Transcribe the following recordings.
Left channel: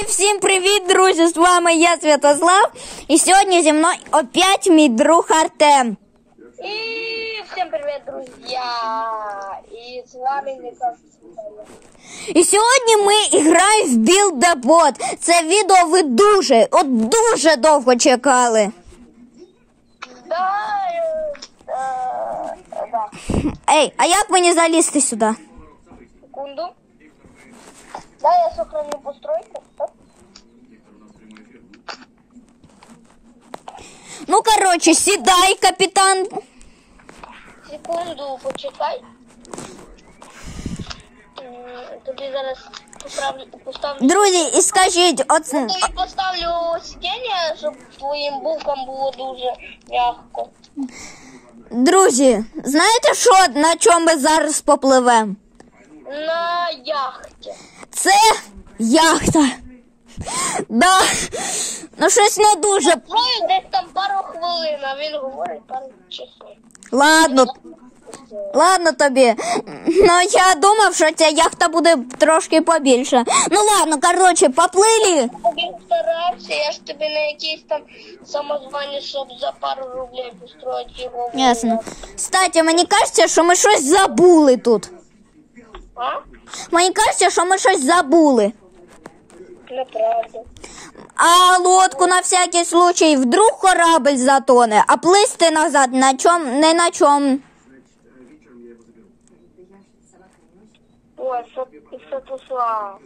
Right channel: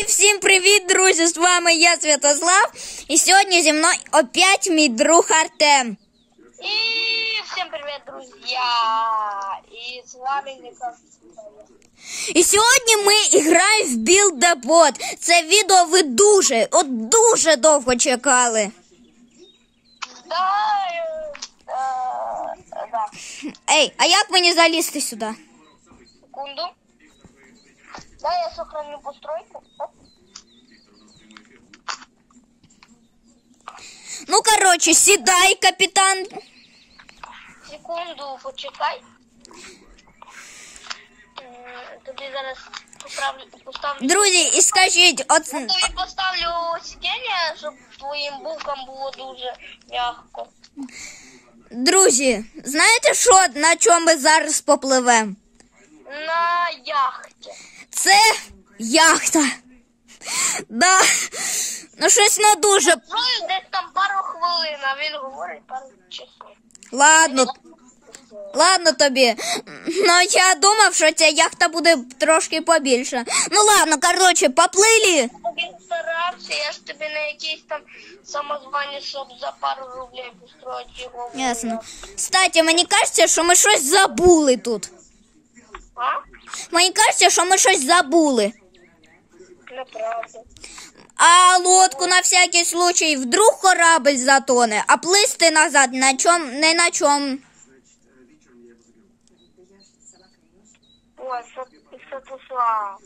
І всім привіт, друзі! З вами я, Святослав. І сьогодні зі мною опять мій друг Артем. И всем привет, друзья! И с вами Николай. І сьогодні ми граємо в Build a Bot. Це відео ви дуже довго чекали. Да. Ей, а як мені залізти сюди? Секунду. Да, я сохраню постройку. Ну, короче, сідай, капітан. Секунду, почекай. Тобі зараз поставлю. Друзі, і скажіть, Тобі поставлю сидіння, щоб твоїм букам було дуже м'яко. Друзі, знаєте що, на чому ми зараз попливемо? На яхті. Це яхта. Да. Ну щось не дуже. Строю десь там пару хвилин, а він говорить пару часов. Ладно тобі. Ну я думав, що ця яхта буде трошки побільше. Ну ладно, короче, поплили. Він старався, я ж тобі на якийсь там самозвані, щоб за пару рублей построїти його. Ясно. Кстати, мені кажеться, що ми щось забули тут. А? Мені кажеться, що ми щось забули. Неправда. А лодку на всякий случай, вдруг корабль затоне, а плисти назад не на чому. Ой, Святослав.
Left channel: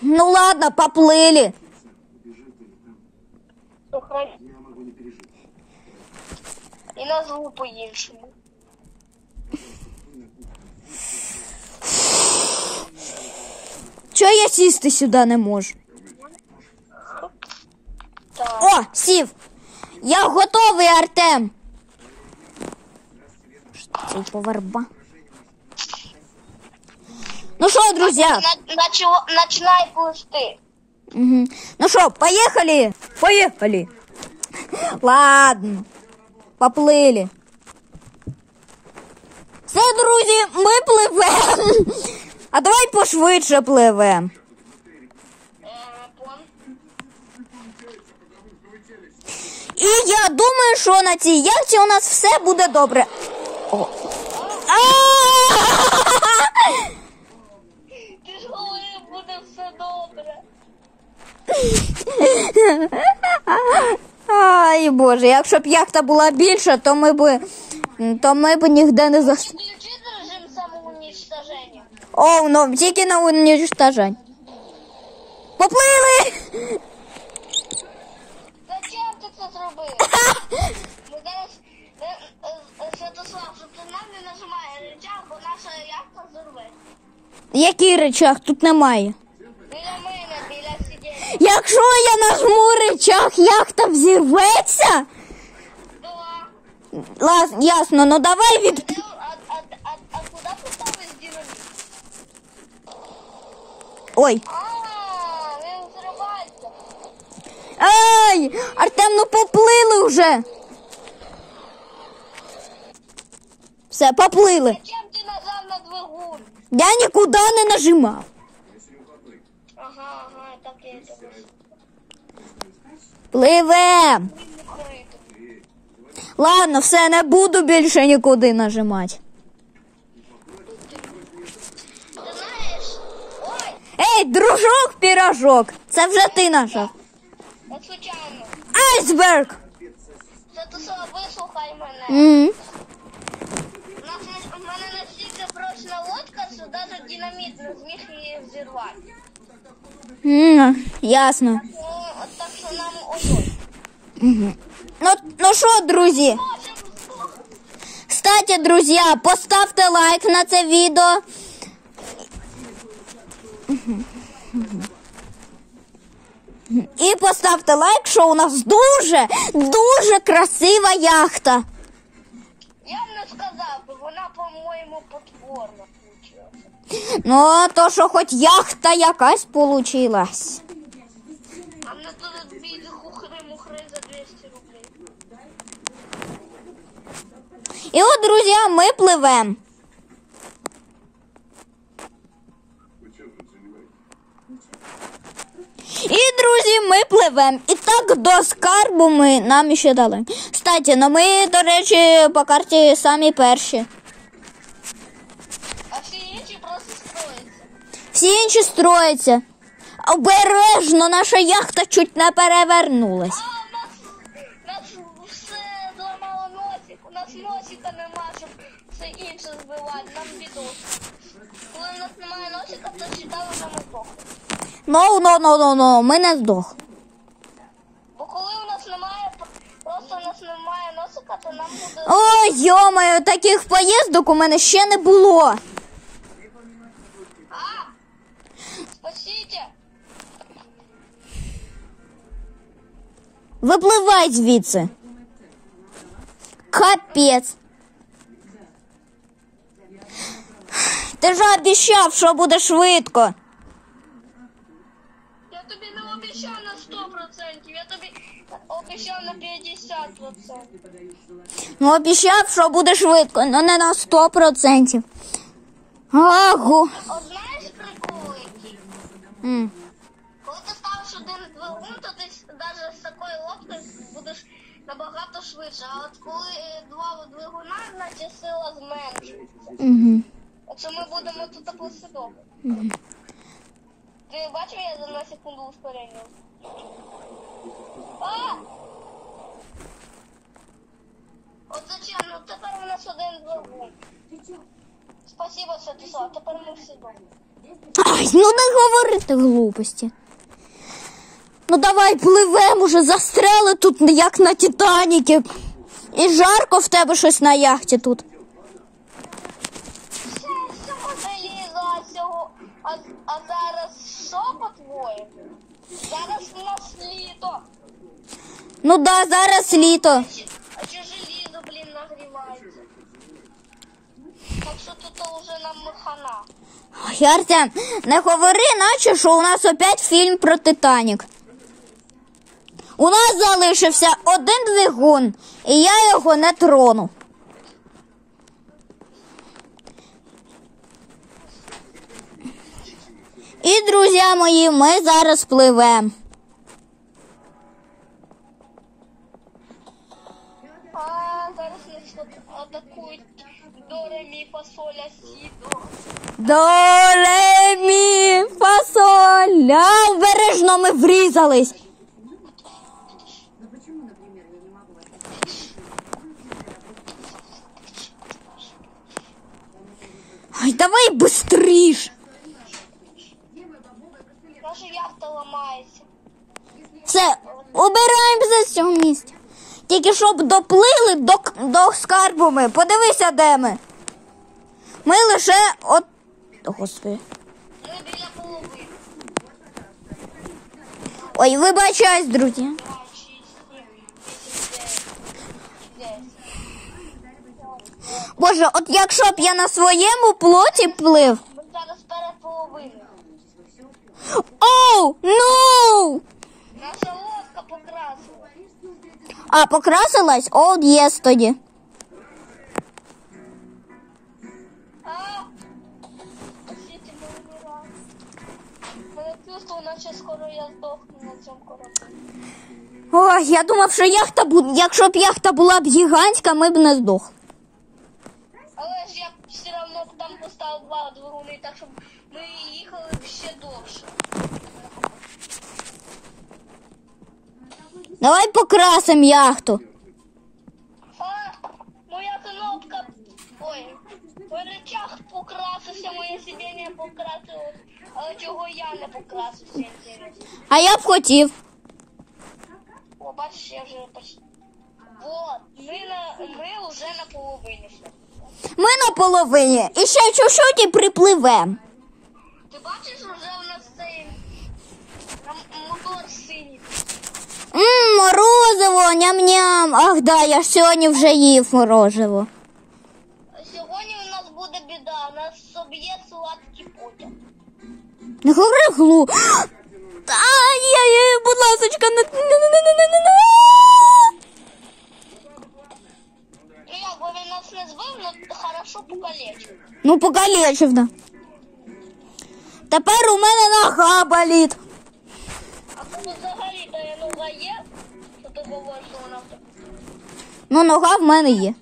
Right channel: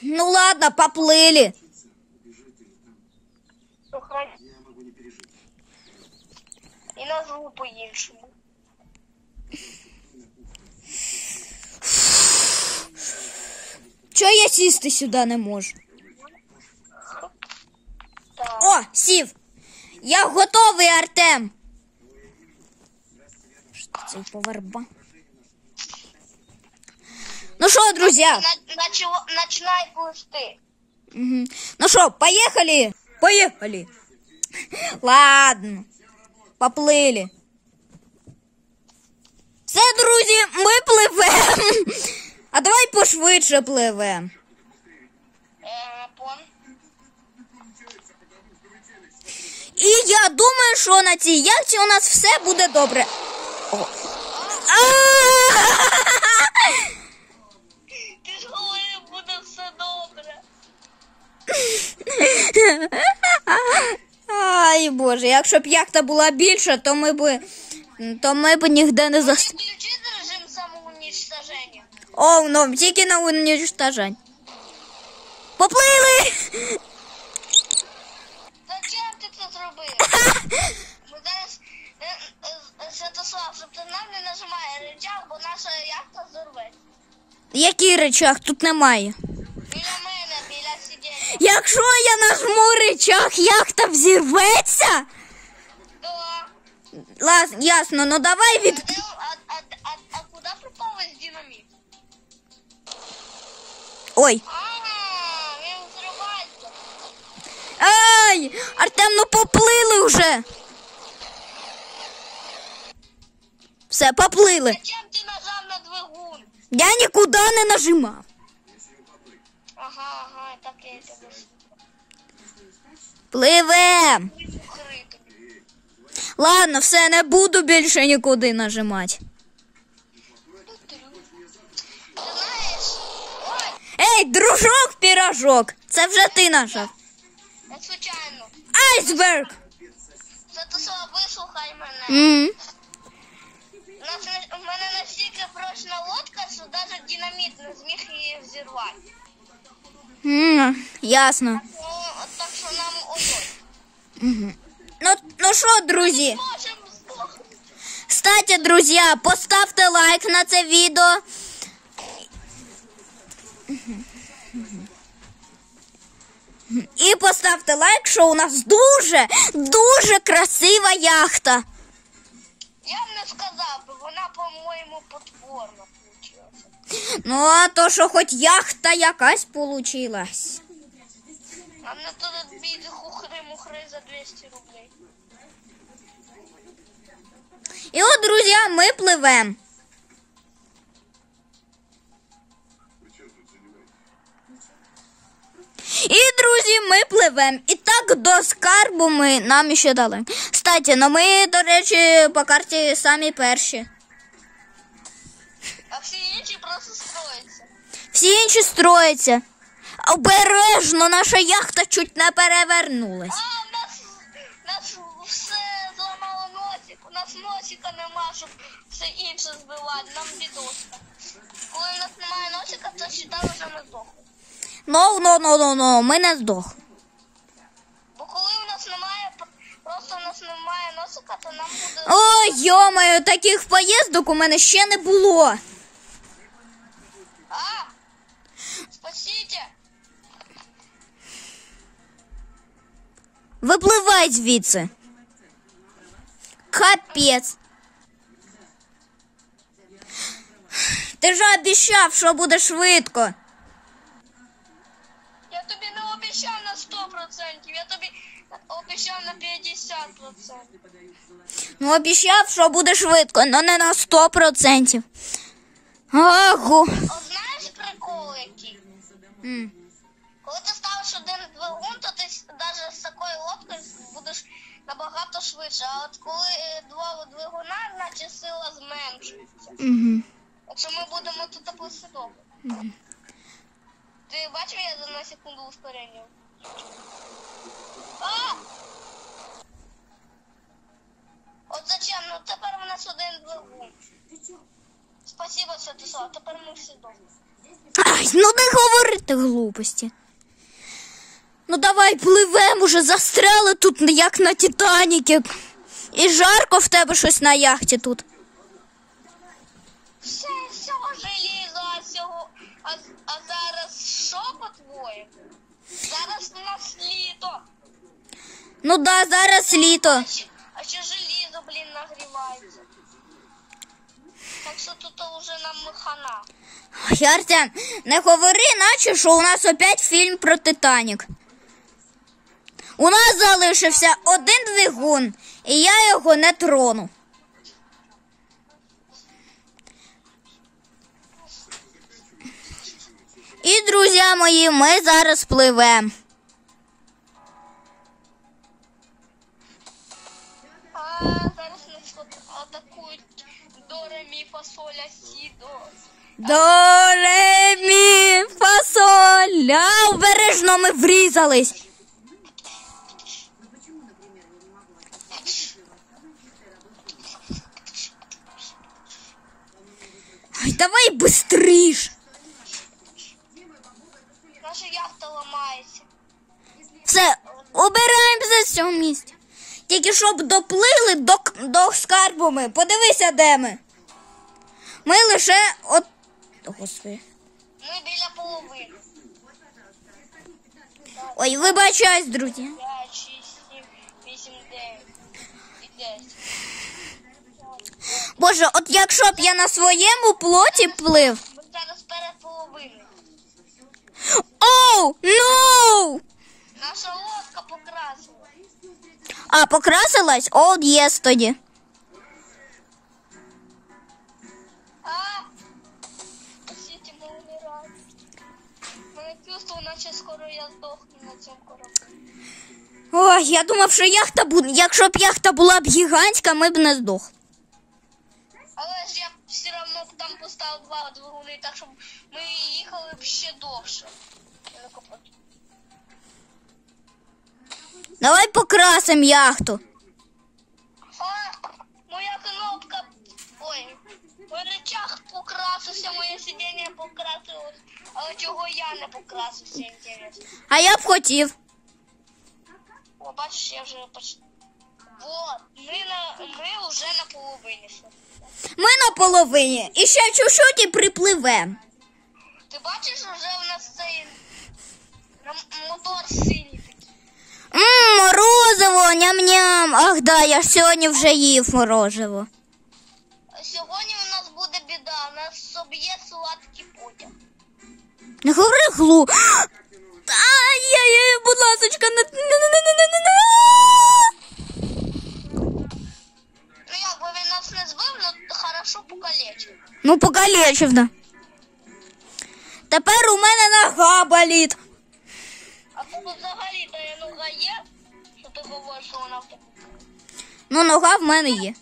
Ну ладно, поплили. Сохрани. І назву по-іншому. Чого я сісти сюди не можу? Так. О, сів. Я готовий, Артем. Що це поварба? Ну що, друзі? Начинай плисти. Угу. Ну що, поехали? Поехали. Ладно. Поплили. Все, друзі, ми пливемо. А давай пошвидше пливемо. І я думаю, що на цій яхті у нас все буде добре. Ти ж говорив, буде все добре. Ай, Боже, якщо б яхта була більша, то ми б ніде не Включи режим самоуничтоження. О, ну, тільки на уничтожень. Поплили! Зачем ти це зробив? Ми зараз, Святослав, щоб ти нам не нажимає рычаг, бо наша яхта зорве. Який рычаг? Тут немає. Біля мене, біля сидіння. Якщо я нажму рычаг, яхта взірветься? Да. Ясно, ну давай А куди поставить динаміт? Ой. Він взривається. Ай! Артем, ну поплили вже. Все, поплили. Зачем ти нажав на двигун? Я нікуди не нажимав. Ага, так і це. Пливем. Ладно, все, не буду більше нікуди нажимати. Ти знаєш, ой, Ей, дружок-пірожок. Це вже ти нажав. я случайно. Айсберг. Святослав, вислухай мене. У мене настільки прочна лодка, що навіть динаміт не зміг її взірвати. Ясно. От так що нам удобно. Ну що, друзі? Кстати, друзі, поставте лайк на це відео. І поставте лайк, що у нас дуже красива яхта. Я б не сказав, бо вона, по-моєму, потворна вийшла. Ну, а то, що хоч яхта якась получилась. А на то бій хухри-мухри за 200 рублей. І от, друзі, ми пливемо. І, друзі, ми пливемо. І так до скарбу нам ще дали. Кстати, ну ми, до речі, по карті самі перші. А всі інші просто строїться. Всі інші строяться. Обережно, наша яхта чуть не перевернулась. А, у нас все зламало носик. У нас носика нема, щоб все інше збивати. Нам бідос. Коли у нас немає носика, то сідали вже на здох. No, ми не здох. Бо коли у нас немає, просто у нас немає носика, то нам буде... Ой, йомаю, таких поїздок у мене ще не було. А! Спасите! Випливай звідси. Капець. Ти ж обіцяв, що буде швидко. Я тобі не обіцяв на 100%, я тобі обіцяв на 50%. Ну, обіцяв, що буде швидко, але не на 100%. Агу. От знаєш прикол який? Коли ти ставиш один двигун, то ти навіть з такою лодкою будеш набагато швидше. А от коли два двигуна, значить сила зменшується. Якщо ми будемо тут послідовно. Ти бачив, я за на секунду ускорення? А! От зачем? Ну тепер у нас один двигун. Спасибо, Святослав, тепер ми всі дома. Ну не говорити глупості. Ну давай пливемо уже, застряли тут, як на Титаніки. І жарко в тебе щось на яхті тут. Всього желізо, а зараз що по-твоєму? Зараз у нас літо. Ну да, зараз літо. А чи желізо, блін, нагрівається? Так що тут вже нам хана. Артем, не говори, наче, що у нас опять фільм про Титанік. У нас залишився один двигун, і я його не трону. І, друзі мої, ми зараз пливемо. А зараз нас атакують до ре-мі фасоля сідо. До ре мі фа соль ля. Обережно ми врізались. Ай, давай быстріш. Наша яхта ламається. Все, убираємося з цього місця. Тільки щоб доплили до скарбу ми. Подивися, де ми. Ми лише от... Господи. Ми біля половини. Ой, вибачаюсь, друзі. 5, 6, 7, 8, 9 і 10. Боже, от якщо б я на своєму плоті плив. Ми зараз перед половиною. Оу, ну! Наша лодка покрасила. А, покрасилась? О, єс тоді. А! Спасите, ми вмираємо. Мене чувство, наче скоро я здохну на цьому кораблі. Ой, я думав, що яхта буде. Якщо б яхта була б гігантська, ми б не здохли. Але ж я все одно там поставив два двигуни, так щоб ми їхали б ще довше. Давай покрасимо яхту. А, моя кнопка. Ой, мой рычаг покрасився, моє сидіння покрасилось. Але чого я не покрасився, інтересно. А я б хотів. О, бачиш, я вже почти. Вот, ми вже на половині. Ми на половині. І ще чуть-чуть і припливемо. Ти бачиш, вже в нас цей мотор синій. Морозиво, ням-ням. Ах, да, я ж сьогодні вже їв морозиво. А сьогодні у нас буде біда, нас соб'є сладкий потяг. Не говори глу. Ай-яй-яй, будь ласочка, не. Ну як би він нас не збив, ну хорошо покалечив. Ну, покалечив, да. Тепер у мене нога болить. А тут взагалі твоя нога є? Що ти говориш, що вона... Ну, нога в мене є.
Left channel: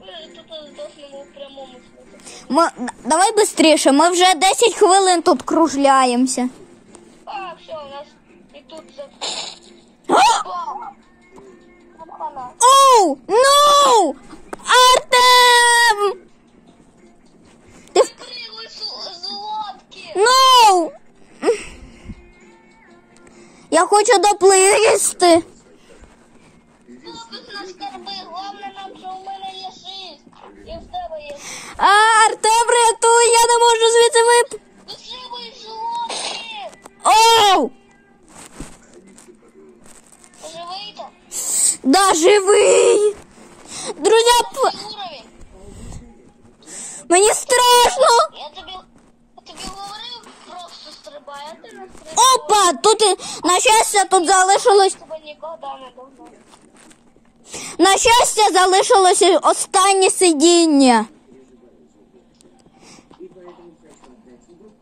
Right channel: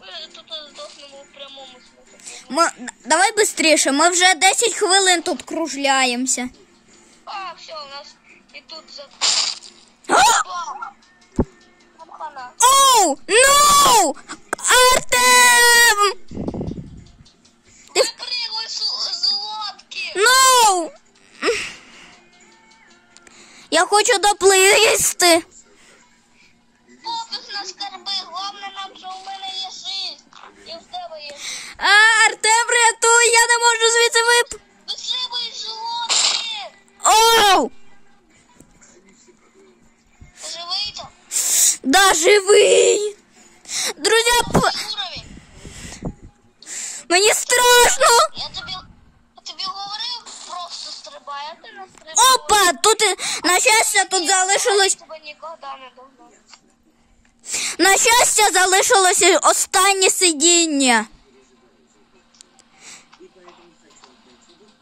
Ми тут здохнемо в прямому смислі. Давай швидше, ми вже 10 хвилин тут кружляємося. А, все, у нас і тут за... Хана. Оу! Ну! Артем! Ти пригай з лодки! Ну! Я хочу доплисти. Фокус на скарби, головне нам, що в мене є 6. І в тебе є 6. Артем, рятуй, я не можу звідси Вистрибуй з лодки! Оу! Живий там? Да, живий! Друзі, Уровень. мені страшно! Я тобі говорив, просто стрибай, а ти не стрибай. Опа, тут, на щастя, тут залишилось, Тебе ніколи не догнаю. на щастя, залишилося останнє сидіння.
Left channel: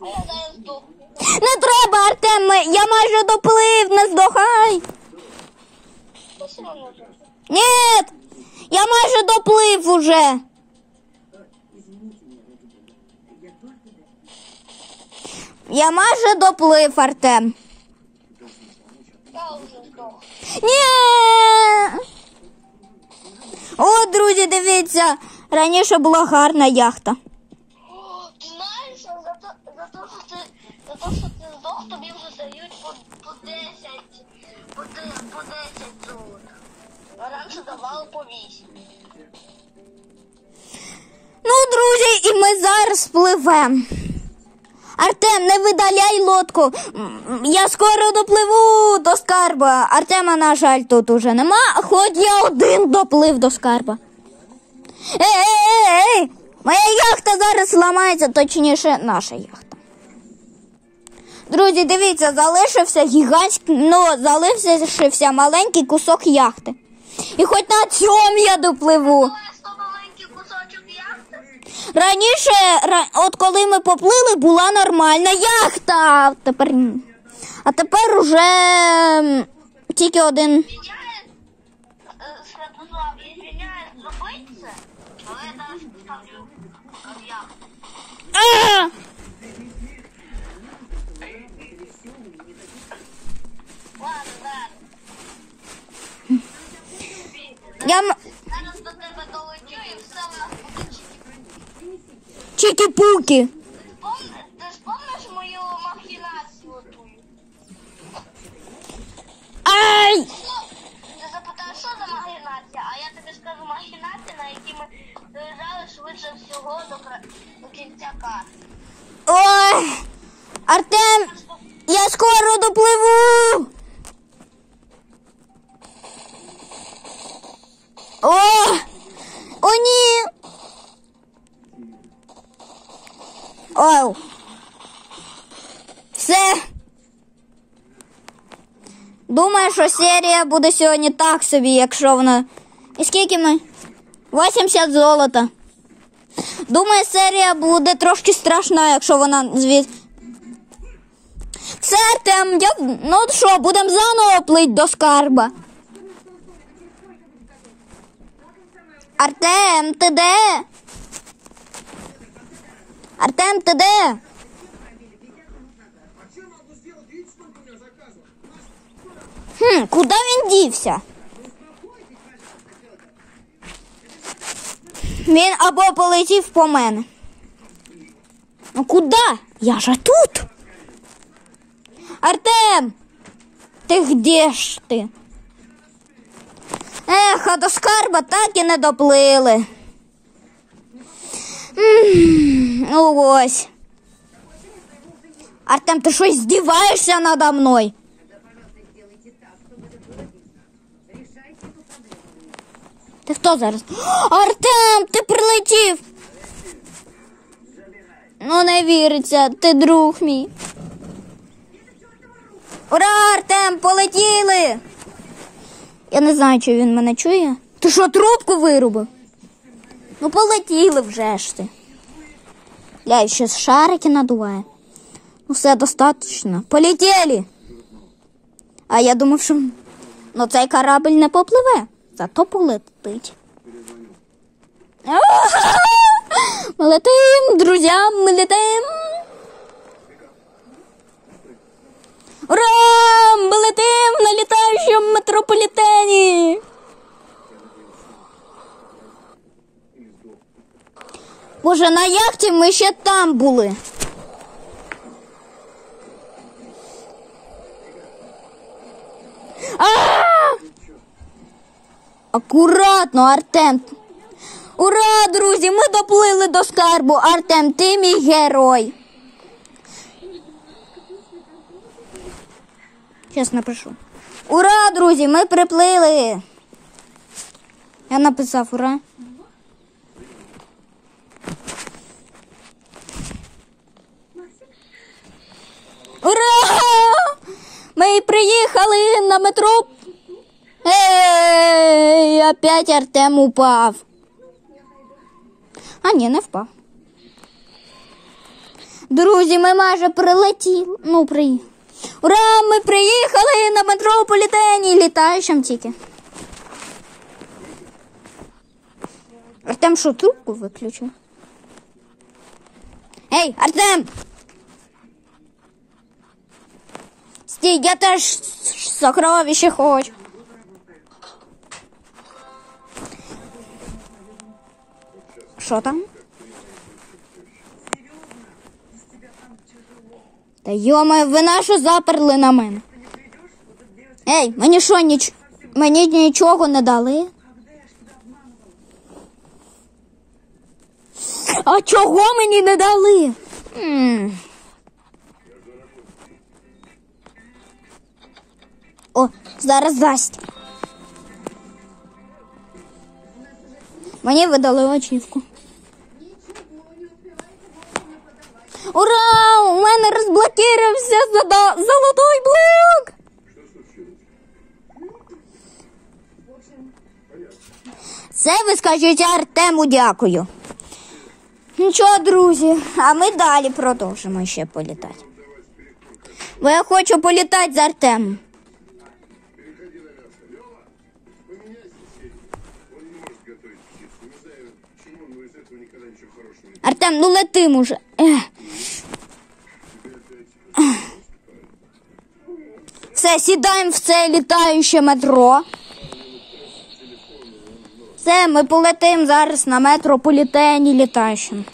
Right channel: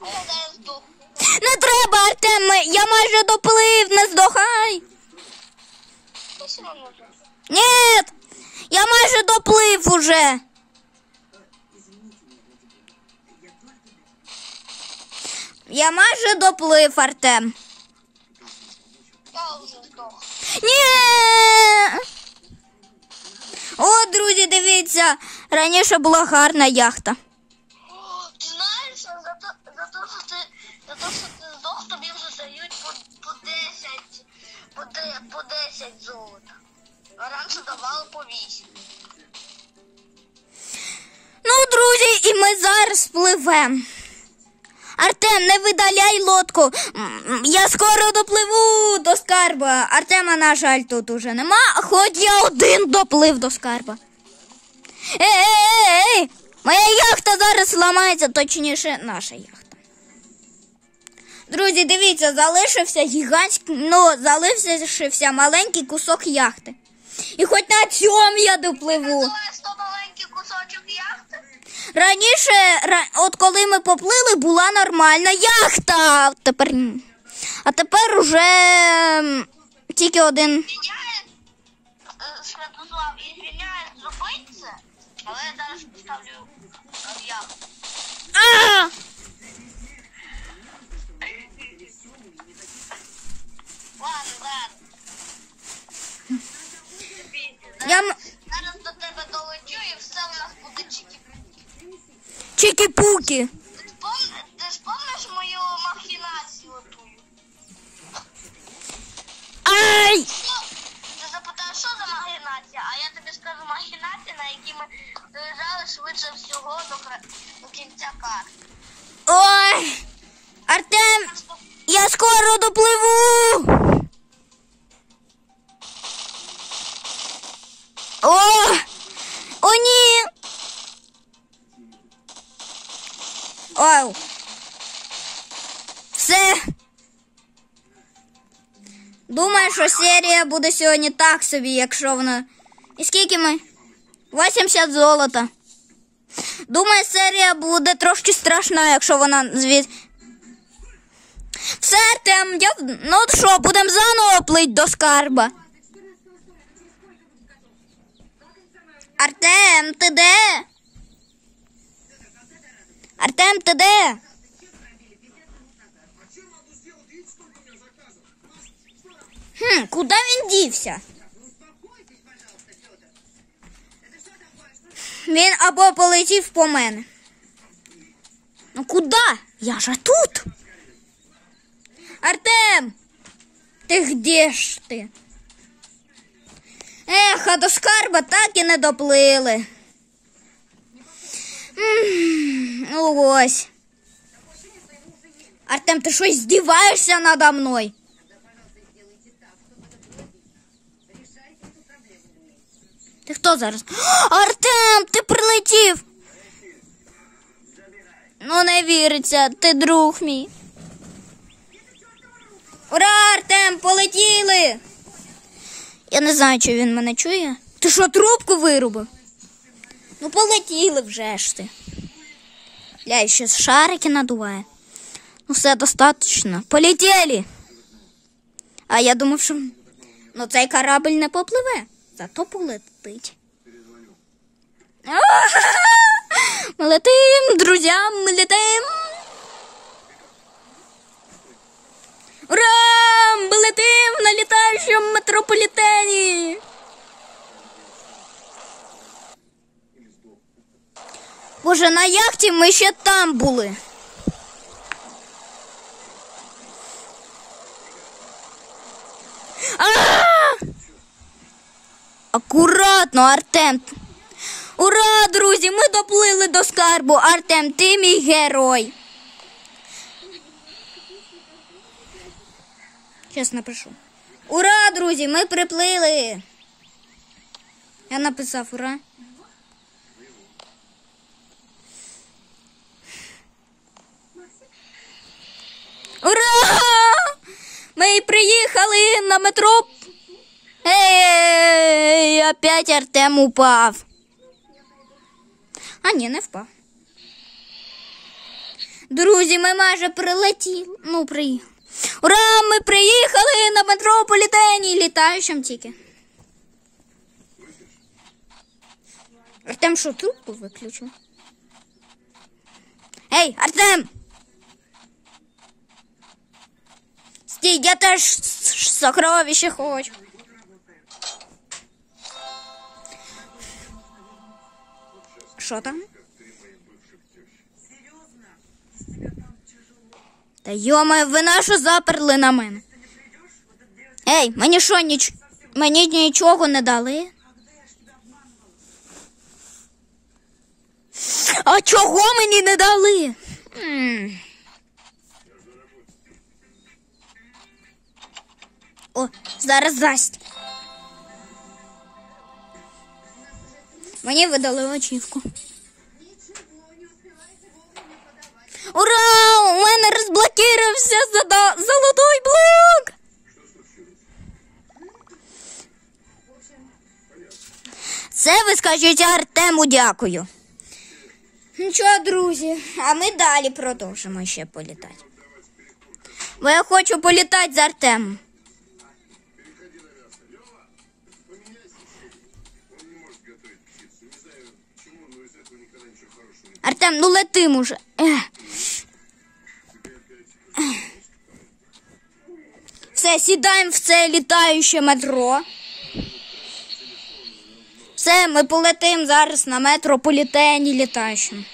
А я зараз здохну. Не треба, Артем, я майже доплив, не здохай. Я все одно тут. Ні, я майже доплив уже. Я майже доплив, Артем. Я вже здох. Ні! О, друзі, дивіться, раніше була гарна яхта. Ти знаєш, за те, що ти здох, тобі вже дають по 10 золота. А раніше давали по 8. Ну, друзі, і ми зараз пливемо. Артем, не видаляй лодку. Я скоро допливу до скарба. Артема, на жаль, тут уже нема, хоч я один доплив до скарба. Ей! Моя яхта зараз ламається, точніше, наша яхта. Друзі, дивіться, залишився маленький кусок яхти. І хоч на цьому я допливу. Це маленький кусочок яхти. Раніше, от коли ми поплили, була нормальна яхта. А тепер уже тільки один. Святослав, извиняюсь, зробити це, але я зараз поставлю яхту. Ладно, Я зараз до тебе долетю і все в нас буде чики-пуки. чики-пуки. Ти спомниш мою махінацію отую? Ай! Ти запитаєш, що за махінація, а я тобі скажу махінація, на якій ми доїжджали швидше всього до кінця карти. Ой! Артем, я скоро допливу. Ой! О, ні! Ой! Все. Думаю, що серія буде сьогодні так собі, якщо вона... І скільки ми? 80 золота. Думаю, серія буде трошки страшна, якщо вона Все, Артем, ну що, будемо заново плить до скарба. Артем, ти де? Артем, ти де? Куди він дівся? Він або полетів по мене. Ну куди? Я же тут. Артем, ти где ж ти? Ех, а до скарба так і не доплили. Ну ось. Артем, ти щось здіваєшся надо мною? Ти хто зараз? Артем, ти прилетів. Ну не віриться, ти друг мій. Ура, Артем, полетіли. Я не знаю, чи він мене чує. Ти що, трубку вирубив? Ну полетіли вже ж ти. Ля, ще шарики надуває. Все достатньо. Полетіли. А я думав, що цей корабль не попливе, зато полетить. Ми летим, друзі, ми летим. Ура! Ми летим на літаючому метрополітені. Боже, на яхті ми ще там були. Акуратно, Артем. Ура, друзі, ми доплили до скарбу. Артем, ти мій герой. Щас напишу. Ура, друзі, ми приплили. Я написав ура. Ура! Ми приїхали на метро. Ей, опять Артем упав. А ні, не впав. Друзі, ми майже прилетіли. Приїхали. Ура, ми приїхали на метрополітені, літаючим тільки. Артем що, трубку виключив? Ей, Артем! Стій, я теж сокровище хочу. Що там? Та йома, ви нашу заперли на мене. Ей, мені що, мені нічого не дали? А чого мені не дали? О, зараз дасть. Мені видали очівку. Ура! У мене розблокувався золотой блок! Це ви скажіть Артему дякую. Нічого, друзі, а ми далі продовжимо ще політати. Бо я хочу політати з Артемом. Артем, летим уже. Все, сідаємо в це літаюче метро. Все, ми полетим зараз на метрополітені літаючим.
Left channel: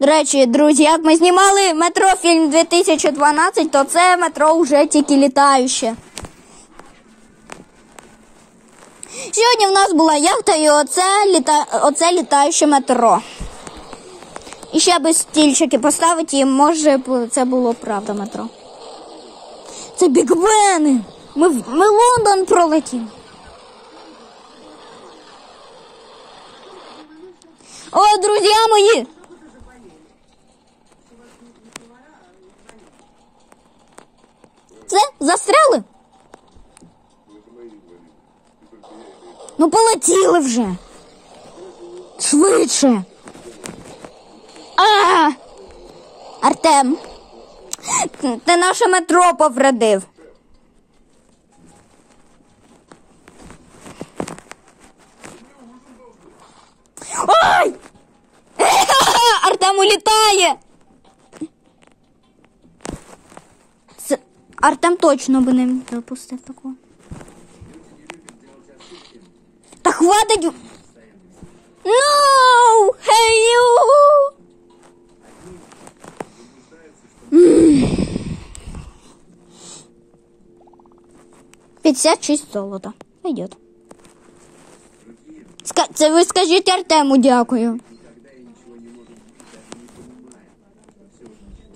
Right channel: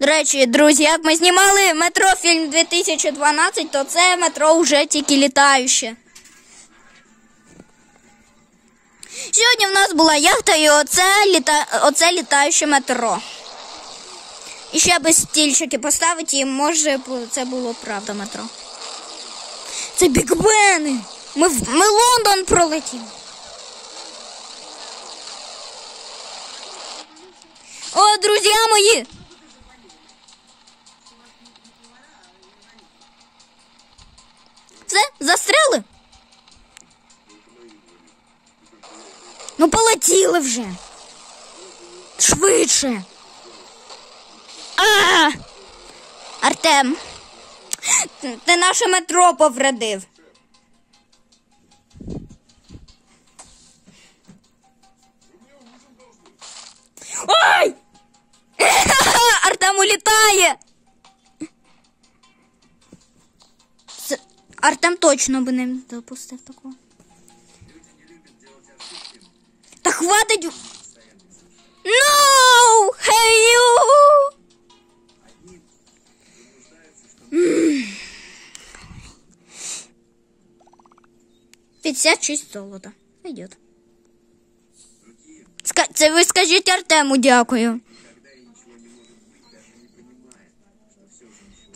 До речі, друзі, як ми знімали метрофільм 2012, то це метро вже тільки літаюче. Сьогодні в нас була яхта і оце літаюче метро. І ще би стільчики поставити, і може це було правда метро. Це Біг Бени! Ми Лондон пролетіли. О, друзі мої! Все, застряли? Полетіли вже. Швидше. Артем, ти наше метро повредив. Ой! Артем улітає. Артем точно би не допустив такого. Та хватить. No! Hey you! 56 золота. Пойдет. Це ви скажіть Артему дякую.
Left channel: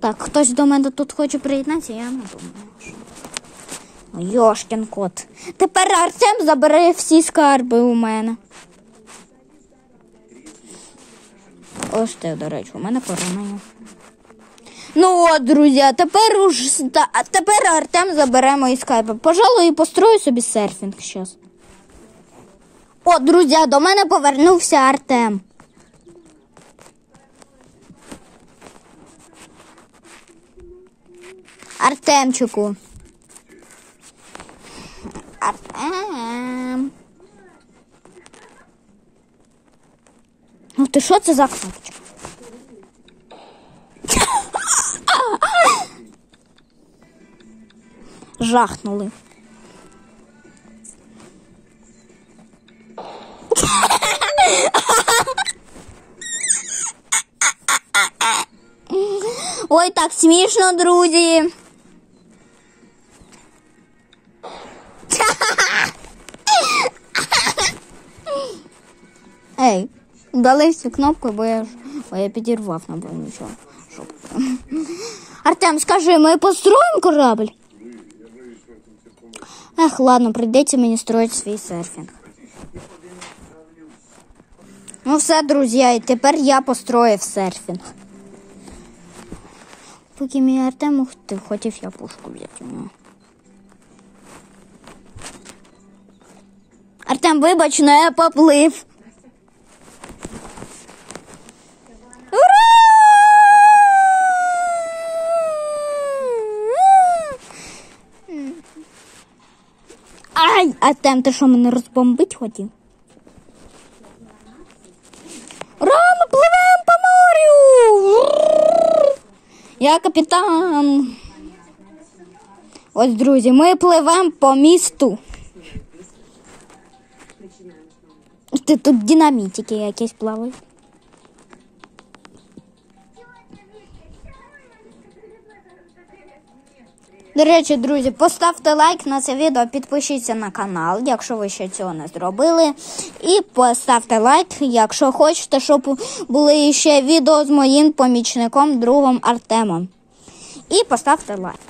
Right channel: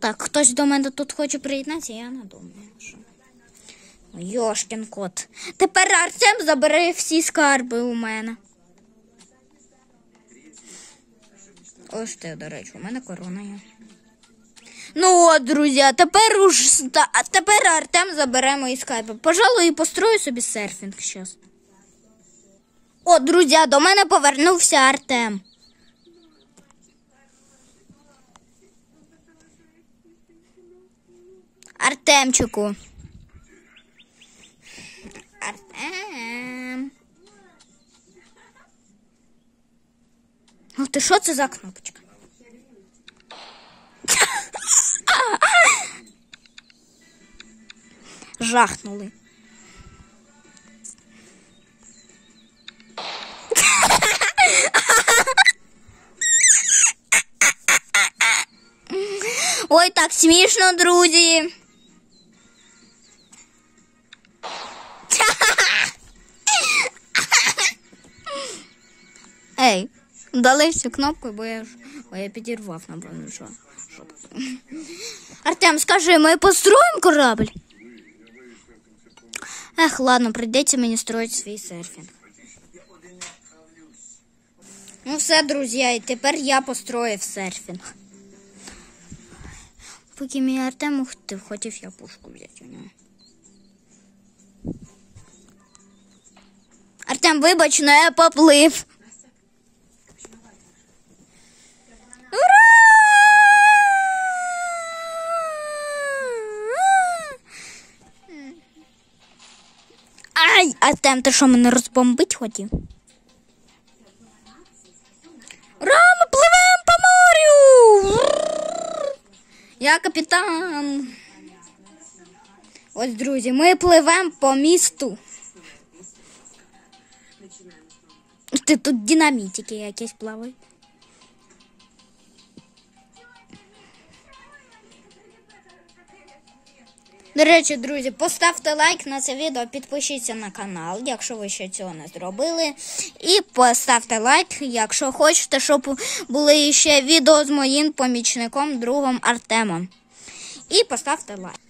Так, хтось до мене тут хоче приєднатися, я не думаю, що. Йошкін кот. Тепер Артем забере всі скарби у мене. Ось те, до речі, у мене корона є. Ну от, друзі, тепер Артем забере мої скарби. Пожалуй, і построю собі серфінг зараз. О, друзі, до мене повернувся Артем. Артемчику. Артем. Ну ти що це за кнопочка? Жахнули. Ой, так смішно, друзі. Ей, дали всю кнопку, бо я підірвав, напевно, нічого. Артем, скажи, ми построїмо корабль? Ех, ладно, прийдеться мені строїти свій серфінг. Ну все, друзі, і тепер я построїв серфінг. Поки мій Артем хотів я пушку взяти у нього. Артем, вибач, но я поплив. Ура! Ай, Артем, ти що, мене розбомбить хотів? Ура, ми пливемо по морю! Я капітан. Ось, друзі, ми пливемо по місту. Тут динамітики якісь плавають. До речі, друзі, поставте лайк на це відео, підпишіться на канал, якщо ви ще цього не зробили. І поставте лайк, якщо хочете, щоб були ще відео з моїм помічником, другом Артемом. І поставте лайк.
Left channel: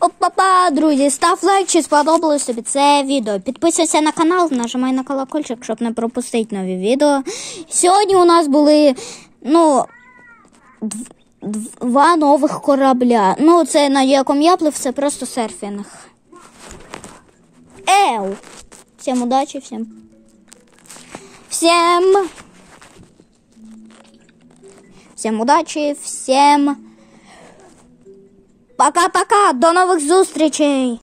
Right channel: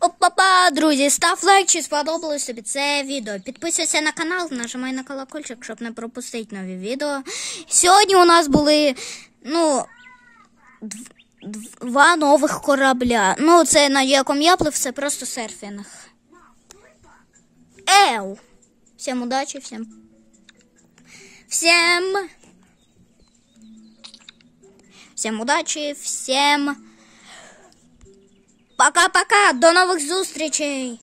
Опа-па, друзі, став лайк, чи сподобалось тобі це відео. Підписуйся на канал, нажимай на колокольчик, щоб не пропустити нові відео. Сьогодні у нас були, два нових корабля. Це на якому я плив, це просто серфінг. Всім удачі, всім удачі, всім пока-пока, до нових зустрічей.